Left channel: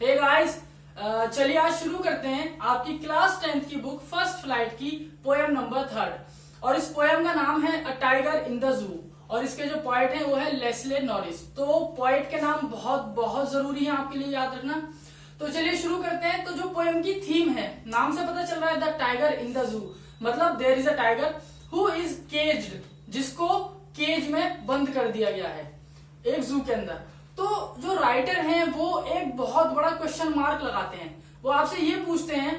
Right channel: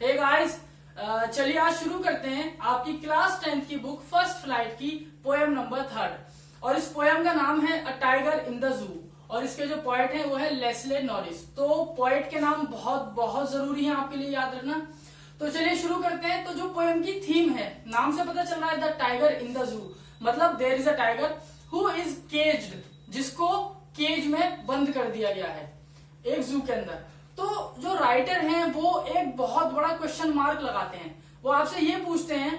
Hey guys, चलिए आज शुरू करते हैं आपकी क्लास 10th की बुक फर्स्ट फ्लाइट की पोएम नंबर 3 और इस पोएम का नाम है अ टाइगर इन द जू और इसके जो पोएट हैं वो है लेस्ले नॉरिस। तो पोएट के नाम बहुत बहुत जरूरी है आपके लिए याद रखना। तो चलिए शुरू करते हैं। तो जो पोएम की थीम है, नाम से पता चल रहा है the tiger in the zoo, मतलब there is a tiger who is caged, जिसको केज में बंद कर दिया गया है एक जू के अंदर। तो जो राइटर हैं वो एक बहुत बड़ा क्वेश्चन मार्क लगाते हैं। वो आपसे ये पूछते हैं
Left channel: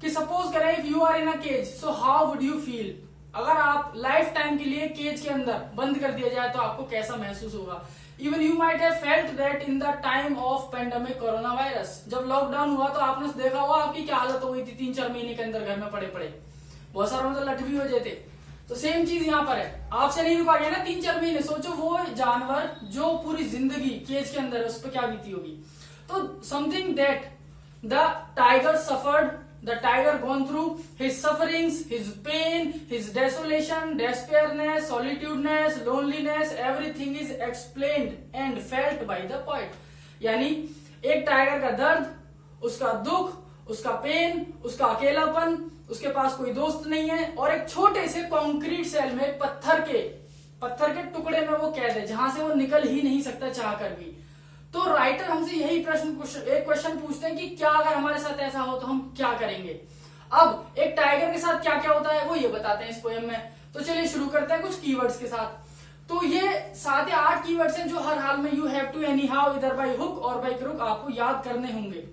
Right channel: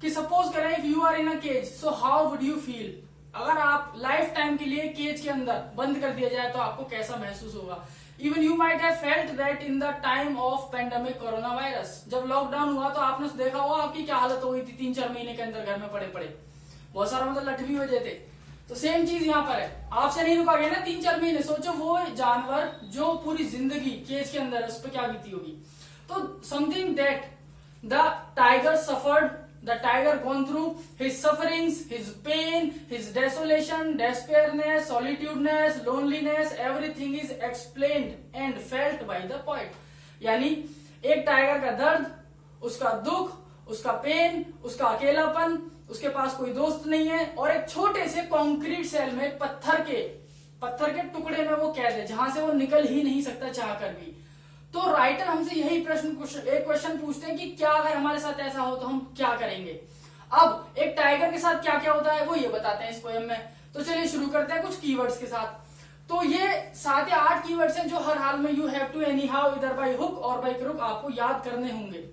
कि सपोज करें if you are in a cage so how would you feel, अगर आप लाइफ टाइम के लिए केज के अंदर बंद कर दिया जाए तो आपको कैसा महसूस होगा। Even you might have felt that in the time of pandemic corona virus, जब लॉकडाउन हुआ तो आपने देखा होगा आपकी क्या हालत हो गई थी 3-4 महीने के अंदर घर में पड़े पड़े, बहुत सारा मतलब लट भी हो जाते। तो सेम चीज यहाँ पर है, आपसे नहीं रुका गया ना 3-4 महीने। सोचो वो जानवर जो पूरी जिंदगी केज के अंदर है उस पर क्या बीती होगी। तो something that the tiger suffered, the tiger gone through his sufferings, his pain, his desolation, despairness, solitudeness, loneliness, everything is explained and felt by the poet. यानी एक टाइगर का दर्द, उसका दुख, उसका पेन, उसका अकेलापन, उसके पास कोई दोस्त नहीं है और एक छोटे से कंक्रीट सेल में, एक पत्थर के टुकड़े में वो कैद है जहां से वो निकल ही नहीं सकता चाह कर भी। तो राइटर हमसे यही एक क्वेश्चन पूछते हैं कि क्या अगर हमारे साथ ऐसा हो तो हम क्या करेंगे। अब एक टाइगर के साथ क्या क्या होता है वो ये बताते हैं इस पोएम में। तो चलिए शुरू करते हैं कुछ कीवर्ड्स के साथ। तो ये 7 या 8 कीवर्ड्स हैं जो हर हाल में you have to anyhow इधर बाई हुक और बाई क्रुक आपको याद करने होंगे।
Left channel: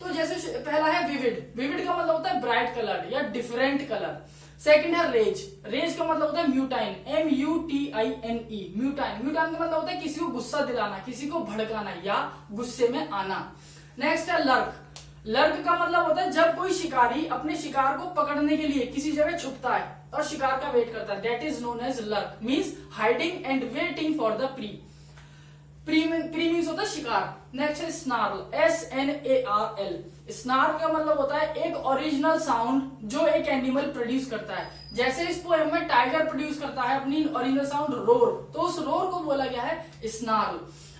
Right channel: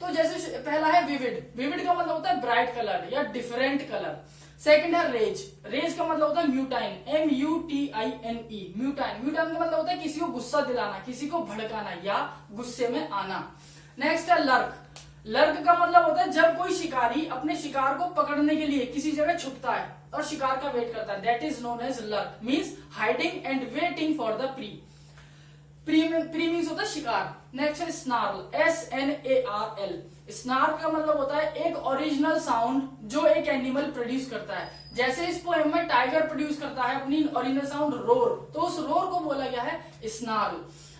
तो जैसे पहला है विविड, विविड का मतलब होता है ब्राइट कलर्ड या डिफरेंट कलर। सेकंड है रेज, रेज का मतलब होता है म्यूटाइन, MUTINE, म्यूटाइन, म्यूटाइन का मतलब होता है किसी को गुस्सा दिलाना, किसी को भड़काना या गुस्से में आना। नेक्स्ट है लर्क, लर्क का मतलब होता है जब कोई शिकारी अपने शिकार को पकड़ने के लिए किसी जगह छुपता है और शिकार का वेट करता है, that is known as lurk, means hiding and waiting for the prey. Prey means होता है शिकार। नेक्स्ट है स्नार्ल, SNARL, स्नार्ल का मतलब होता है एक ओरिजिनल साउंड जो एक एनिमल प्रोड्यूस करता है। जैसे इस पोएम में टाइगर प्रोड्यूस करता है अपनी ओरिजिनल साउंड रोर, तो उस रोर को बोला गया है स्नार्ल।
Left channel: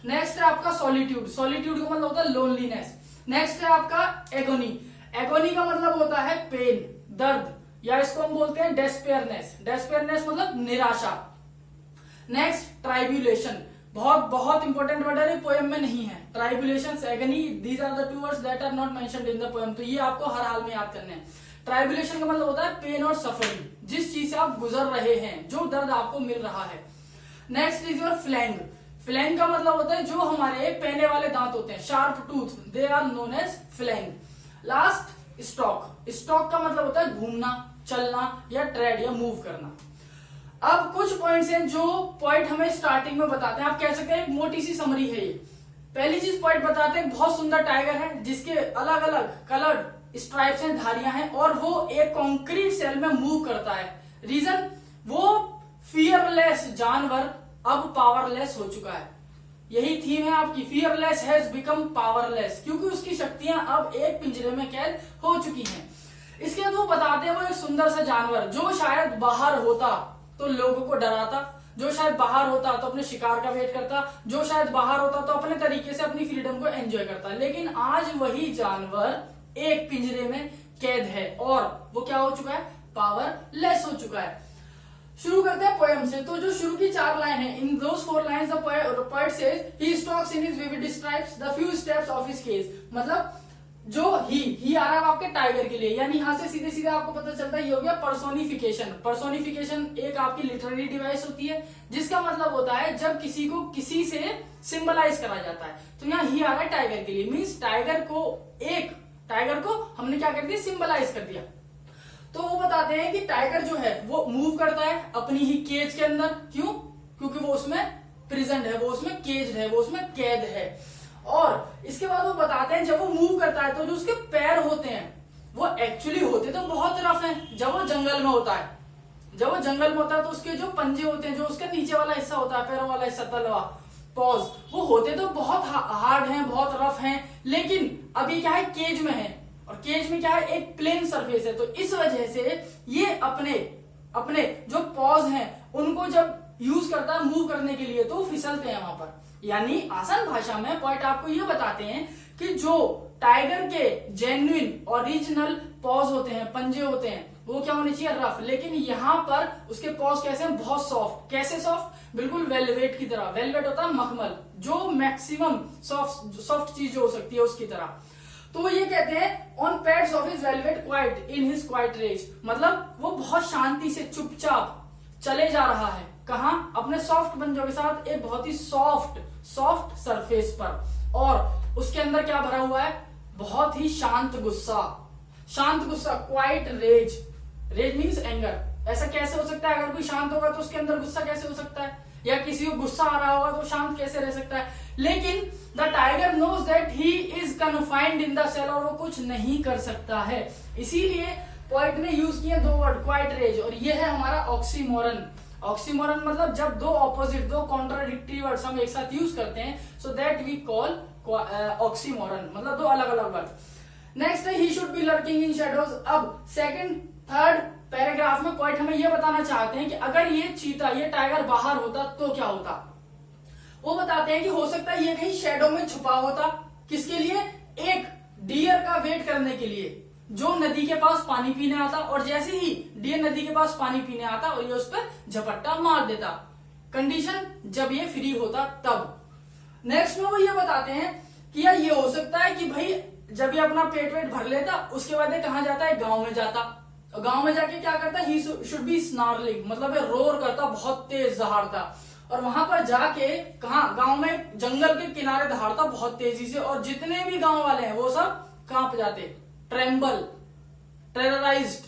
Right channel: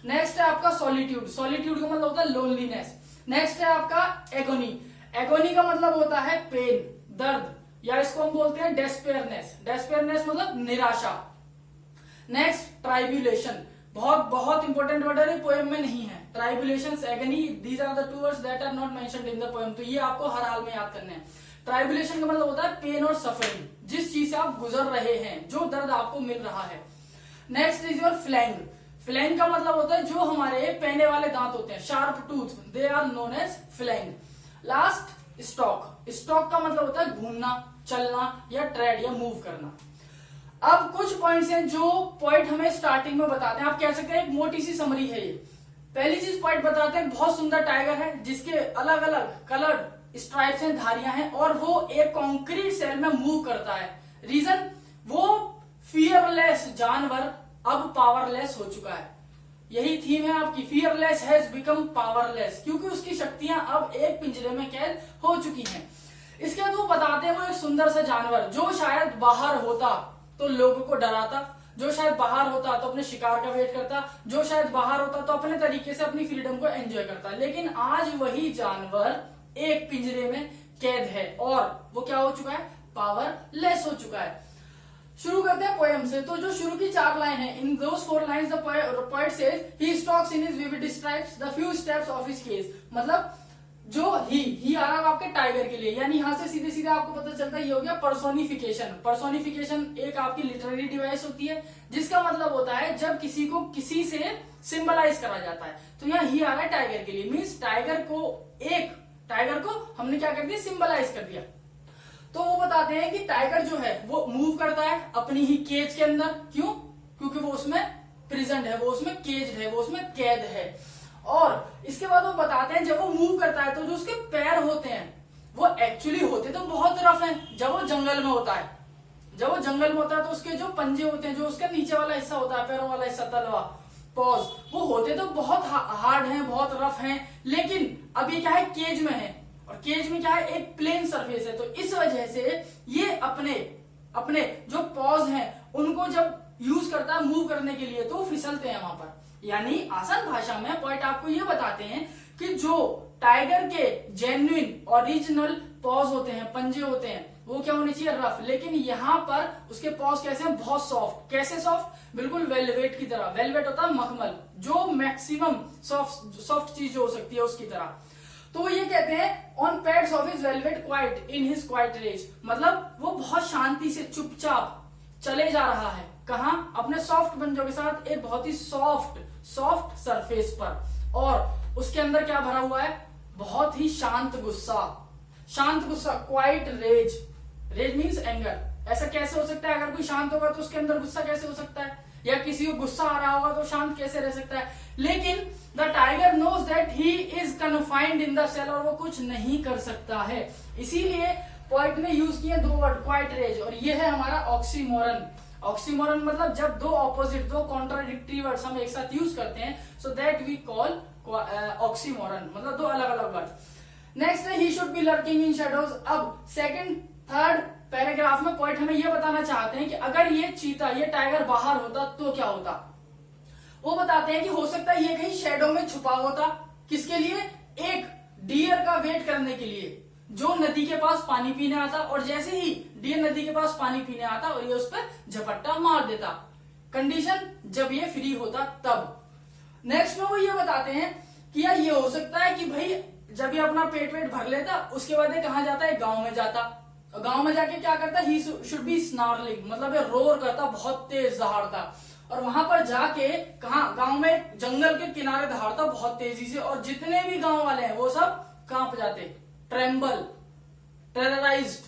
नेक्स्ट है आपका सॉलिट्यूड, सॉलिट्यूड का मतलब होता है लोनलीनेस। नेक्स्ट है आपका एगोनी, एगोनी का मतलब होता है पेन, दर्द, या इसको हम बोलते हैं डेस्पेयरनेस, डेस्पेयरनेस मतलब निराशा। नेक्स्ट ट्राइब्यूलेशन, बहुत इंपॉर्टेंट वर्ड है, पोएम में नहीं है। Tribulation, agony, these are the 2 words that are not mentioned in the poem. तो ये आपको हर हाल में याद करने हैं। ट्राइबुलेशन का मतलब होता है पेन और सफरिंग, जिस चीज से आप गुजर रहे हैं, जो दर्द आपको मिल रहा है। नेक्स्ट इज योर फ्लैंग, फ्लैंग का मतलब होता है जो हमारे पैने वाले दांत होते हैं, sharp tooth, they are known as fang. Last stalk, stalk का मतलब होता है घूमना, चलना या ट्रेड या मूव करना। अब कुछ पॉइंट्स हैं जो पॉइंट हमें स्टार्टिंग में बताते हैं, आप कह सकते हैं एक मोटी सी समरी है ये। पहली चीज पॉइंट बताते हैं बहुत सुंदर टाइगर है जिसके अलग अलग कलर्ड स्ट्राइप्स हैं, धारियां हैं और वो एक कंक्रीट सेल में मूव करता है। रीजन, वो फियरलेस जानवर अब पावरलेस हो चुका है। यही थीम है आपकी, फियरलेस हैज बिकम पावरलेस, क्योंकि उसकी शक्तियां अब एक पिंजरे में कैद हो चुकी हैं। इसके बाद वो बताते हैं वो एक सुंदर सा जानवर जो शायद बाहर होता तो लोगों को डराता, जो शायद बाहर होता तो अपने शिकार का वेट करता, जो शायद बाहर होता तो अपने तरीके से अपनी फ्रीडम को एंजॉय करता। लेकिन आज वही जानवर एक पिंजरे में कैद है और वो क्या हो चुका है, पावरलेस हो चुका है। शुरू करते हैं पोएम से। तो जो शुरू की 4 लाइन है, in those 4 lines the poet says he stalks in his vivid stripes the few steps of his cage, मतलब जो ही आ रहा है आपके टाइगर के लिए, यानी यहां से सीधे सीधे आपको पता चलता है ये हो गया पर्सोनिफिकेशन। पर्सोनिफिकेशन एक आपकी लिटरेरी डिवाइस होती है जिसका मतलब होता है जब किसी को किसी से सिंबलाइज करा जाता है। तो यहाँ ही आ रहा है टाइगर के लिए, मीन्स टाइगर को हमने क्या कर दिया, सिंबलाइज कर दिया। तो वो बताते हैं कि टाइगर जो है वो मूव करता है अपनी ही केज के अंदर। क्यों? क्योंकि वो उसमें प्रेजेंट है, वो उसमें केज है, वो उसमें कैद है। और इसके बाद वो बताते हैं जब वो मूव करता है तो जो उसके पैर होते हैं वो एक्चुअली होते तो बहुत रफ हैं। जब वो जंगल में होता है तो उसके जो पंजे होते हैं, जो उसका नीचे वाला हिस्सा होता है, पैरों वाला हिस्सा, तलवा, पॉज, वो होते तो बहुत हार्ड हैं, बहुत रफ हैं। लेकिन अब ये क्या है, केज में है और केज में क्या है, एक प्लेन सरफेस है। तो इस वजह से ये अपने जो पॉज हैं उनको जब यूज करता है मूव करने के लिए तो फिसलते हैं वहां पर। यानी आसान भाषा में पॉइंट आपको ये बताते हैं कि जो टाइगर के जेन्युइन ओरिजिनल पॉज होते हैं, पंजे होते हैं, वो क्या होने चाहिए, रफ। लेकिन यहाँ पर उसके पॉज कैसे हैं, बहुत सॉफ्ट। कैसे सॉफ्ट, बिल्कुल वेलवेट की तरह। वेलवेट होता है मखमल, जो मैक्सिमम सॉफ्ट चीज हो सकती है उसकी तरह। तो ये कहते हैं on pads of his velvet quiet in his quiet rage, मतलब वो बहुत शांति से चुपचाप चले जा रहा है। कहा, अपने सॉफ्ट पंजों के साथ एक बहुत ही सॉफ्ट सरफेस पर। और उसके अंदर क्या भरा हुआ है, बहुत ही शांत गुस्सा। Quiet rage, rage means anger. ऐसा कैसे हो सकता है, अगर कोई शांत होगा तो उसके अंदर गुस्सा कैसे हो सकता है, या किसी को गुस्सा आ रहा होगा तो शांत कैसे रह सकता है। लेकिन the tiger knows that he is confined in the cell, और वो कुछ नहीं कर सकता है। इसीलिए पोएट ने यूज किए दो वर्ड, क्वाइट रेज, और ये है हमारा ऑक्सीमोरन। ऑक्सीमोरन मतलब जब दो ऑपोजिट, दो कॉन्ट्राडिक्टरी वर्ड्स हम एक साथ यूज करते हैं, so that we call oxymoron, मतलब दो अलग अलग वर्ड। नेक्स्ट है he should be lurking in shadows. अब सेकंड थर्ड पैराग्राफ में पोएट हमें यह बताना चाहते हैं कि अगर ये चीता, ये टाइगर बाहर होता तो क्या होता। वो बताते हैं कि हो सकता है ये कहीं शेडो में छुपा होता। किसके लिए, एक डियर का वेट करने के लिए, जो नदी के पास पानी पीने आता, और जैसे ही डियर नदी के पास पानी पीने आता और ये उस पर झपट्टा मार देता। कंडीशन जब ये फ्री होता तब। नेक्स्ट में वो ये बताते हैं कि यार ये हो सकता है कि भाई जब ये अपना पेट वेट भर लेता, उसके बाद ये कहां जाता है, गांव में जाता। गांव में जाके क्या करता, ही शुड बी स्नार्लिंग, मतलब ये रोर करता, बहुत तेज दहाड़ता। और वहां पर जाके कहा, गांव में जंगल के किनारे दहाड़ता बहुत तेजी से, और जितने भी गांव वाले हैं वो सब कांप जाते, ट्रेम्बल, टेरराइज्ड,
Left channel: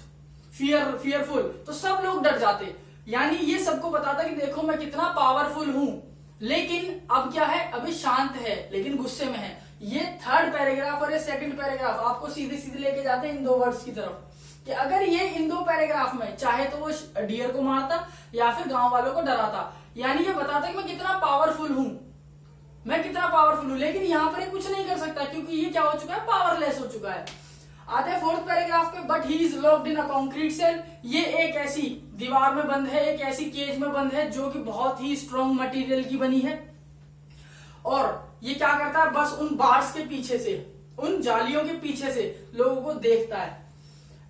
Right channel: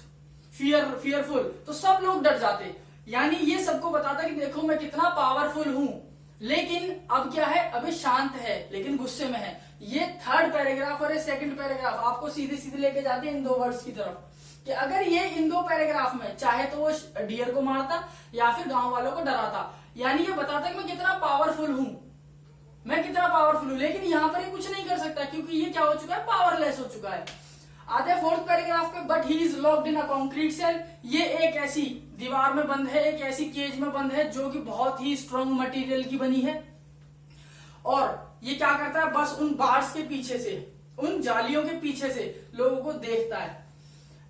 फियरफुल, तो सब लोग डर जाते। यानी ये सबको बताता कि देखो मैं कितना पावरफुल हूं। लेकिन अब क्या है, अभी शांत है लेकिन गुस्से में है। ये थर्ड पैराग्राफ और ये सेकंड पैराग्राफ आपको सीधे सीधे लेके जाते हैं इन दो वर्ड्स की तरफ, कि अगर ये इन दो पैराग्राफ में चाहे तो वो डियर को मारता या फिर गांव वालों को डराता, यानी ये बताता कि मैं कितना पावरफुल हूं, लेकिन यहां पर ये कुछ नहीं कर सकता क्योंकि ये क्या हो चुका है, पावरलेस हो चुका है। आते हैं फोर्थ पैराग्राफ पे, but he is locked in a concrete cell. ये एक ऐसी दीवार में बंद है, एक ऐसी केज में बंद है जो कि बहुत ही स्ट्रॉन्ग मटेरियल की बनी है। और ये क्या करता है, बस उन बार्स के पीछे से, उन जालियों के पीछे से लोगों को देखता है।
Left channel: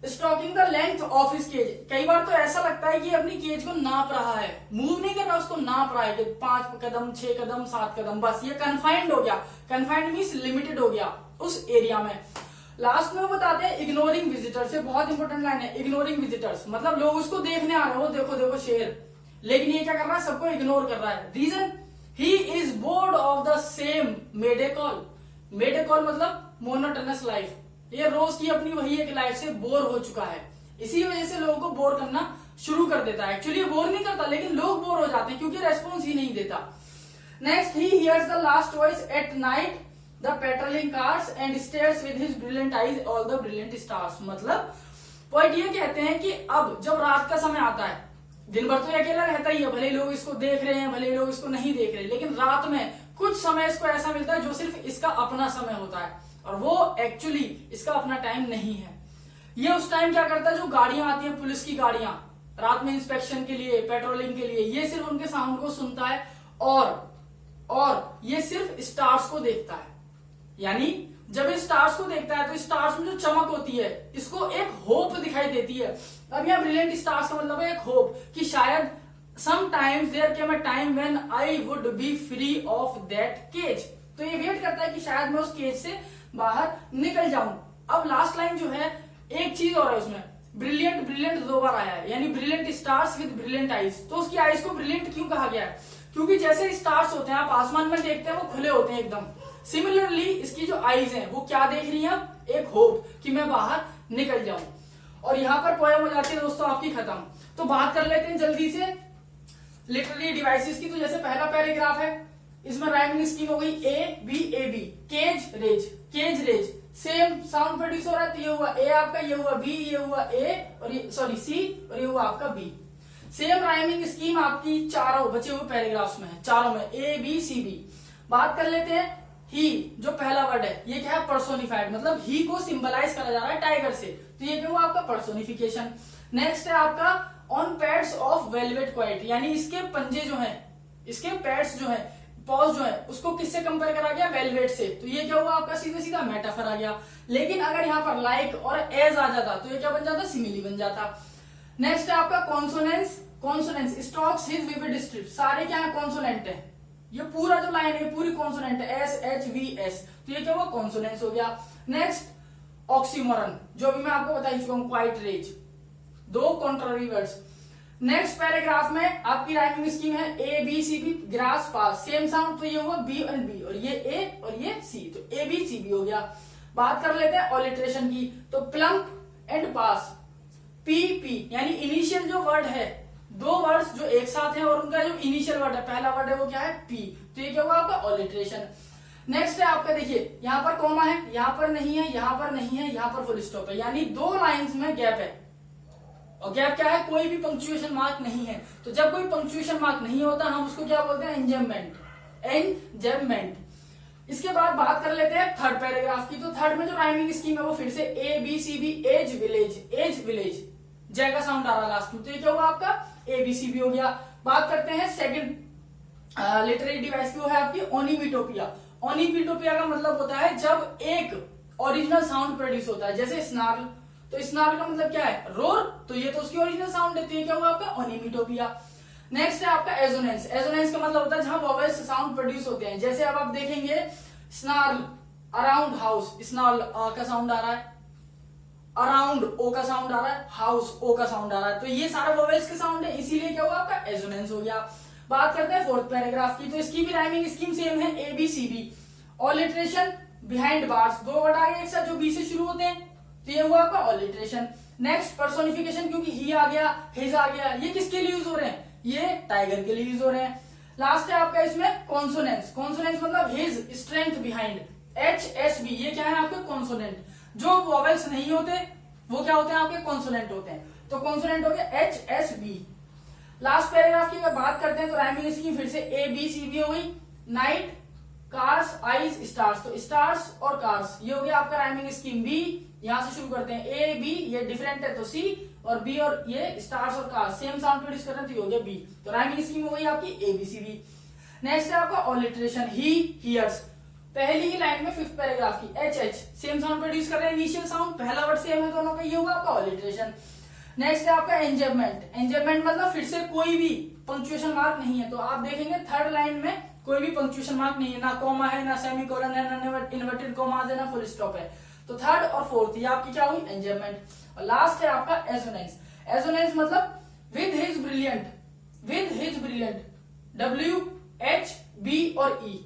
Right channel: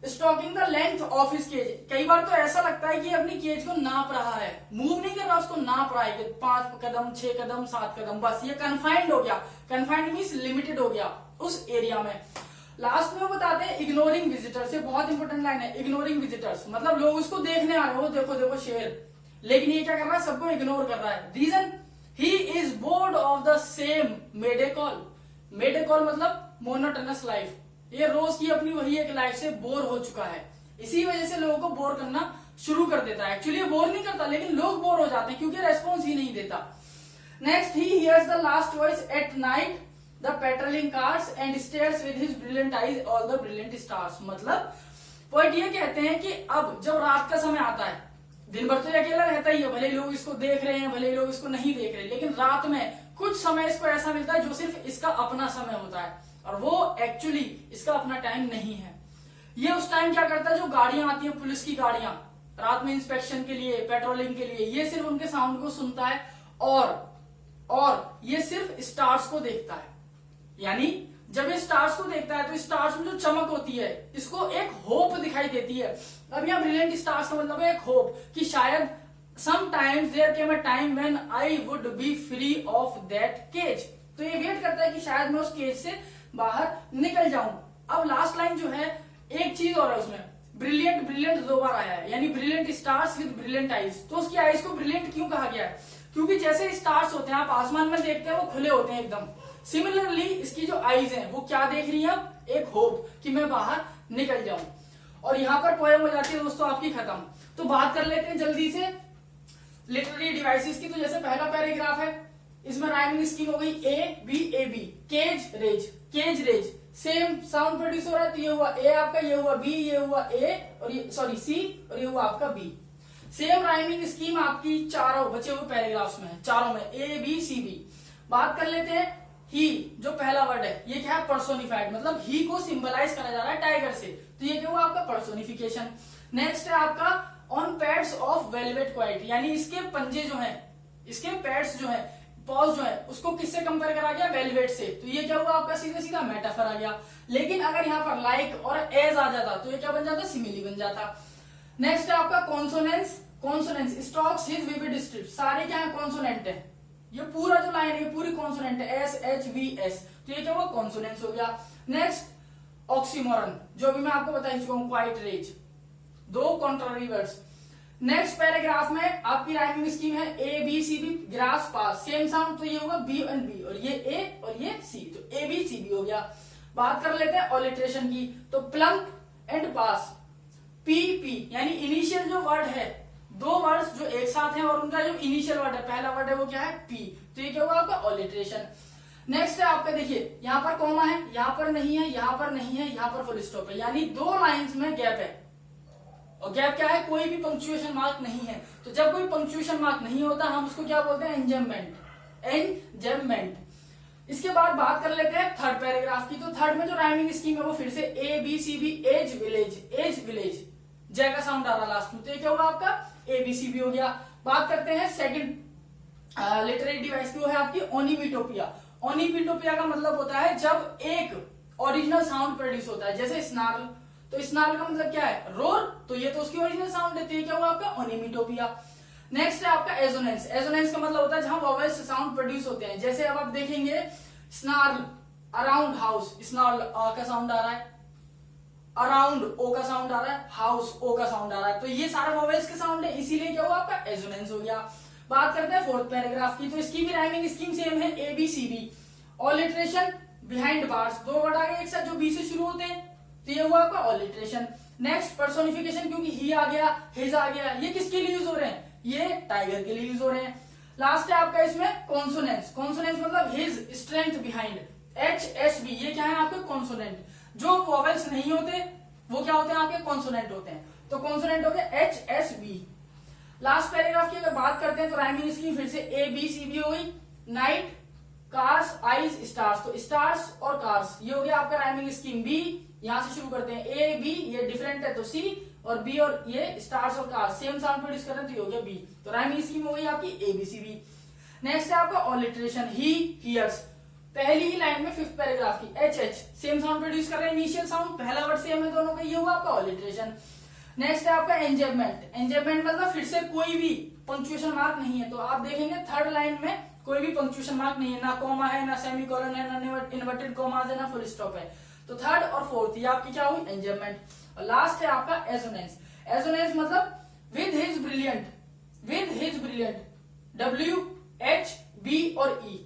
Stalking the length of his cage, कई बार तो ऐसा लगता है कि अपनी केज को नाप रहा है, मूव नहीं कर रहा, उसको नाप रहा है कि 5 कदम, 6 कदम, 7 कदम, बस ये कन्फाइंड हो गया। कन्फाइंड मीन्स लिमिटेड हो गया उस एरिया में। लास्ट में वो बताते हैं इग्नोरिंग विजिटर्स, ये बहुत इंपॉर्टेंट लाइन है। इग्नोरिंग विजिटर्स मतलब लोग उसको देखने आ रहे हो, देखो देखो शेर, लेकिन ये क्या कर रहा है, सबको इग्नोर कर रहा है। Reason, he is bored of the same mayday call. Mayday call मतलब मोनोटोनस लाइफ, ये रोज की अपनी वही एक लाइफ से बोर हो चुका है। इसी वजह से लोगों को बोर करना शुरू कर देता है। एक्चुअली बोर नहीं करता, लेकिन लोग बोर हो जाते हैं क्योंकि रेस्पॉन्स ही नहीं देता। Next, he hears the last voice at night the patrolling cars and stairs with his brilliant eyes all the brilliant stars. मतलब पॉइंट ये कहते हैं कि अब जब रात का समय आता है, दिन भर तो ये अकेला रहता ही है, भले लोग इसको देख रहे हैं, भले लोग इसको नहीं देख रहे, लेकिन रात में कुछ समय इसको ऐसा मिलता है जो सिर्फ इसका अपना समय होता है, और वो एक्चुअली इसका अपना टाइम नहीं है। ये उस टाइम क्या करता है, जो गाड़ियां आती हैं, पुलिस की गाड़ियां रात में इंस्पेक्शन के लिए, पेट्रोलिंग के लिए, ये सिर्फ उनके साउंड को सुनता है और ये सिर्फ स्टार्स को देखता है। यानी जब ये स्टार्स को देखता है तो स्टार्स में जो चमक होती है, इसको एक होप दिखाई देती है। अब यहाँ ब्रिलियंट स्टार्स का मतलब है एक होप, कि शायद sometimes there came a time when I would be free of that cage. तो ये वेट करता है कि शायद मैं उस केज से बाहर निकल जाऊं। अब लास्ट लाइन जो है, एक चीज और है उसमें, ब्रिलियंट 2 बार आया है, यानी brilliant stars with brilliant eyes. तो उसकी आईज को ब्रिलियंट क्यों कहा गया है, क्योंकि जैसे स्टार्स होते हैं, आप आसमान में देखते हैं, वो खुले होते हैं एकदम। सिमिलरली इसकी जो आईज हैं वो क्या देख रही हैं, एक होप कि मैं बाहर निकल जाऊं। और यहां पर पोएम हो जाती है दोस्तों आपकी खत्म। तो बात कर लेते हैं जल्दी से लिटरेरी डिवाइसेस की। तो जैसे पहला पैराग्राफ है, इसमें राइमिंग स्कीम हो गई A B, cage rage, same sound produce हो रहा है, तो ये हुआ ए आपका, ये हुआ बी, ये हुआ ए, और ये सॉरी सी, और ये हुआ आपका बी। सेम राइमिंग स्कीम आपकी चारों बचे हुए पैराग्राफ्स में है, चारों में ए बी सी बी। बात कर लेते हैं ही, जो पहला वर्ड है, ये क्या है, पर्सोनिफाइड, मतलब ही को सिंबलाइज करा जा रहा है टाइगर से, तो ये क्या हुआ आपका पर्सोनिफिकेशन। नेक्स्ट है आपका on pads of velvet quite, यानी इसके पंजे जो हैं, इसके पैड्स जो हैं पॉज जो है उसको किससे कंपेयर करा गया, वेलवेट से, तो ये क्या हुआ आपका सीधा सीधा मेटाफर आ गया। लेकिन अगर यहाँ पर लाइक और एज आ जाता तो ये क्या बन जाता, सिमिली बन जाता। नेक्स्ट है आपका consonance. Consonance stocks his vivid strip, सारे क्या है कॉन्सोनेंट है, ये पूरा जो लाइन है पूरी कॉन्सोनेंट है, एस एच वी एस, तो ये क्या हुआ कॉन्सोनेंस हो गया। नेक्स्ट ऑक्सीमोरन, जो भी मैं आपको बता चुका हूं, क्वाइट रेज, दो कॉन्ट्ररी वर्ड्स। नेक्स्ट पैराग्राफ में आपकी राइमिंग स्कीम है A B C B, grass pass, same sound, तो ये हुआ बी एंड बी, और ये ए और ये सी, तो ए बी सी बी हो गया। बात कर लेते हैं ऑलिट्रेशन की, तो Planck and pass, P P, यानी इनिशियल जो वर्ड है, दो वर्ड्स जो एक साथ हैं और उनका जो इनिशियल वर्ड है, पहला वर्ड है वो क्या है पी, तो ये क्या हुआ आपका ऑलिट्रेशन। नेक्स्ट है आपका देखिए यहाँ पर कोमा है, यहाँ पर नहीं है, यहाँ पर नहीं है, यहाँ पर फुल स्टॉप है, यानी दो लाइंस में गैप है, और गैप क्या है, कोई भी पंक्चुएशन मार्क नहीं है। तो जब कोई पंक्चुएशन मार्क नहीं होता हम उसको क्या बोलते हैं, एंजेबमेंट, एंजेबमेंट। इसके बाद बात कर लेते हैं थर्ड पैराग्राफ की, तो थर्ड में जो राइमिंग स्कीम है वो फिर से A B C B, edge village, edge village, J का साउंड आ रहा लास्ट में, तो ये क्या होगा आपका ए बी सी बी हो गया। बात करते हैं सेकंड लिटरेरी डिवाइस की, वो है आपकी ओनिमिटोपिया। ओनिमिटोपिया का मतलब होता है जब एक ओरिजिनल साउंड प्रोड्यूस होता है, जैसे स्नार्ल, तो स्नार्ल का मतलब क्या है, रोर, तो ये तो उसकी ओरिजिनल साउंड है, तो ये क्या हुआ आपका ओनिमिटोपिया। नेक्स्ट है आपका एजोनेंस। एजोनेंस का मतलब होता है जहां वोवेल्स साउंड प्रोड्यूस होते हैं, जैसे अब आप देखेंगे स्नार्ल, अराउंड हाउस, स्नार्ल का साउंड आ रहा है, अराउंड ओ का साउंड आ रहा है, हाउस ओ का साउंड आ रहा है, तो ये सारे वोवेल्स के साउंड है, इसीलिए क्या हुआ आपका एजोनेंस हो गया। बात करते हैं फोर्थ पैराग्राफ की, तो इसकी भी राइमिंग स्कीम सेम है, A B C B, alliteration behind bars, दो वर्ड आ गए एक साथ जो बी से शुरू होते हैं, तो ये हुआ आपका ऑलिट्रेशन। नेक्स्ट पर्सोनिफिकेशन, क्योंकि ही आ गया, हिज आ गया, ये किसके लिए यूज हो रहे हैं, ये टाइगर के लिए यूज हो रहे हैं। लास्ट है आपका इसमें कॉन्सोनेंस। कॉन्सोनेंस मतलब his strength behind, H S B, ये क्या है आपके कॉन्सोनेंट, जो वोवेल्स नहीं होते वो क्या होते हैं आपके कॉन्सोनेंट होते हैं, तो कॉन्सोनेंट हो गया H S B. Last paragraph की अगर बात करते हैं तो राइमिंग स्कीम फिर से ए बी सी बी हो गई, नाइट, कार्स, आइज, स्टार्स, तो स्टार्स और कार्स ये हो गया आपका राइमिंग स्कीम। बी यहां से शुरू करते हैं, ए बी ये डिफरेंट है तो सी, और बी और ये स्टार्स और कार्स सेम साउंड प्रोड्यूस कर रहे हैं, तो ये हो गया बी, तो राइमिंग स्कीम हो गई आपकी A B C B. Next है आपका ऑलिट्रेशन, ही हियर्स, पहली ही लाइन में फिफ्थ पैराग्राफ की, H H same sound produce कर रहे हैं, इनिशियल साउंड, पहला वर्ड सेम है दोनों का, ये होगा आपका ऑलिट्रेशन। नेक्स्ट है आपका एंजेबमेंट। एंजेबमेंट मतलब फिर से कोई भी पंक्चुएशन मार्क नहीं है, तो आप देखेंगे थर्ड लाइन में कोई भी पंक्चुएशन मार्क नहीं है, ना कोमा है, ना सेमीकोलन है, ना इन्वर्टेड कोमास है, ना फुल स्टॉप है, तो थर्ड और फोर्थ ये आपकी क्या हुई एंजेबमेंट। और लास्ट है आपका एजोनेंस। एजोनेंस मतलब with his brilliant, with his brilliant, W H B और ई,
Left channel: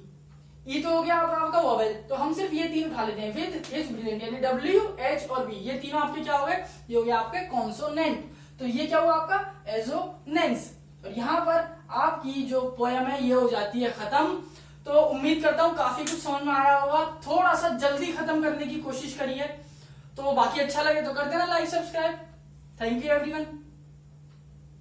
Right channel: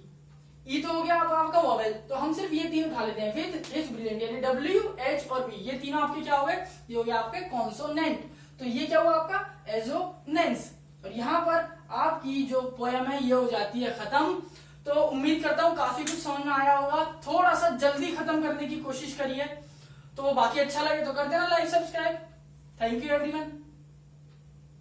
ई तो हो गया आपका वोवेल, तो हम सिर्फ ये तीन उठा लेते हैं, विद हिज ब्रिलियंट, यानी डब्ल्यू एच और बी, ये तीनों आपके क्या हो गए, ये हो गया आपके कॉन्सोनेंट, तो ये क्या हुआ आपका एजोनेंस। और यहाँ पर आपकी जो पोयम है ये हो जाती है खत्म। तो उम्मीद करता हूँ काफी कुछ समझ में आया होगा, थोड़ा सा जल्दी खत्म करने की कोशिश करिए, तो बाकी अच्छा लगे तो कर देना like subscribe. Thank you everyone.